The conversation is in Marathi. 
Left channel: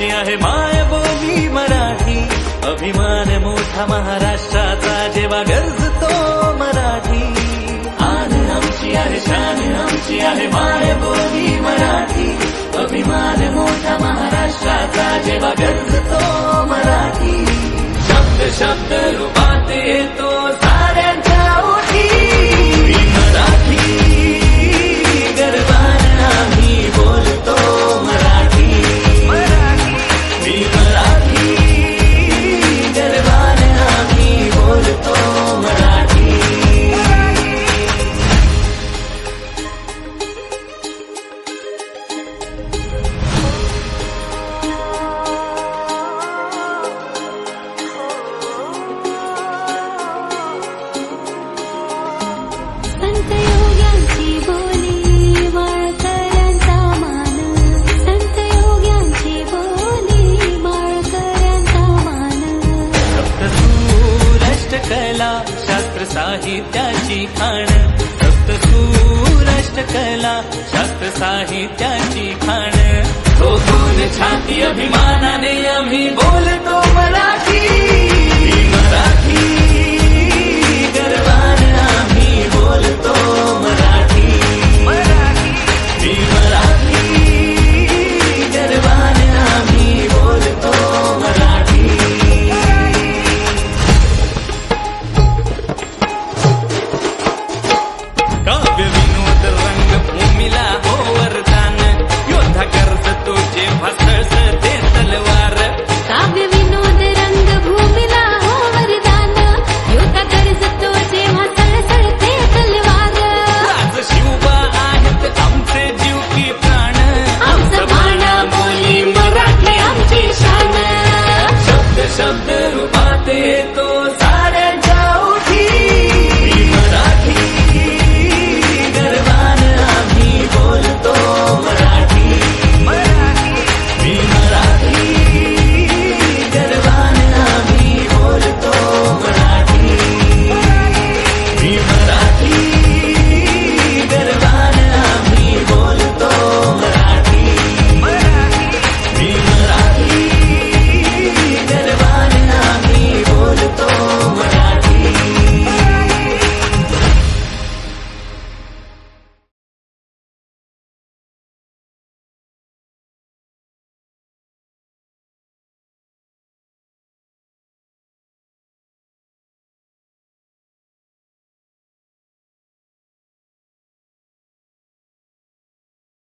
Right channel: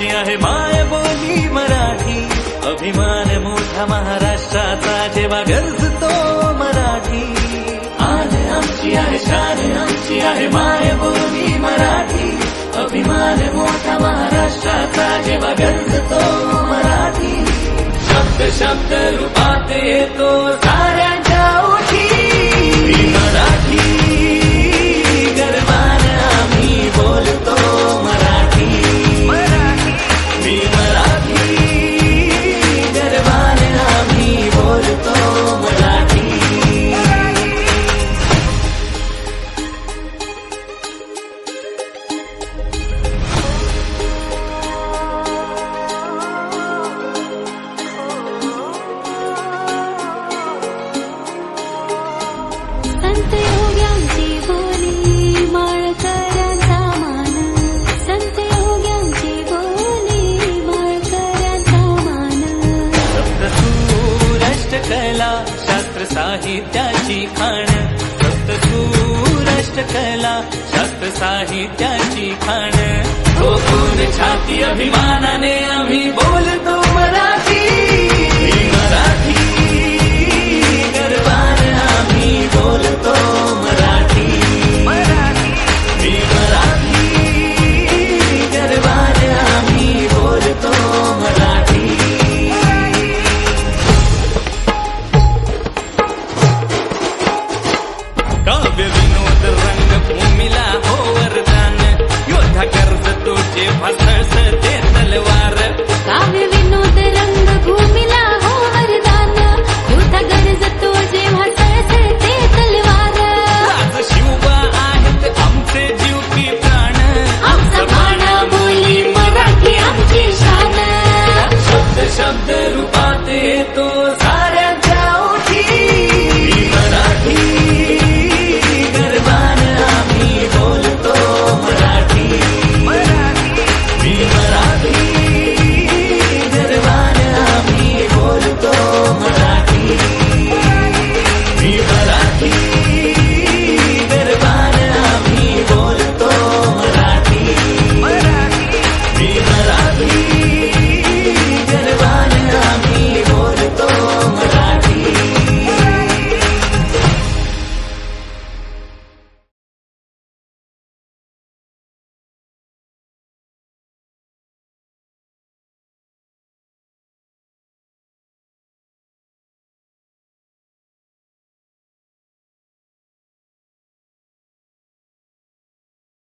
आमची आहे मायबोली मराठी, अभिमान मोठा महाराष्ट्राचा जेव्हा गरजतो मराठी. आन आमची आहे शान आमची आहे मायबोली मराठी, अभिमान मोठा महाराष्ट्राचा जेव्हा गरजतो मराठी. शब्द शब्द रूपात येतो साऱ्यांच्या ओठी, मी मराठी गर्वान आम्ही बोलतो मराठी. मी मराठी गर्वान आम्ही बोलतो मराठी. कला शास्त्र साहित्याची खाण, सप्तसूर अष्टकला शास्त्र साहित्याची खाण. ठोकून छाती अभिमानाने आम्ही बोलतो मराठी. मी मराठी गर्वान आम्ही बोलतो मराठी. मी मराठी गर्वान आम्ही बोलतो मराठी. काव्य विनोद रंगभूमीला हो वरदान, योद्धा कर्ज तोचे भासळ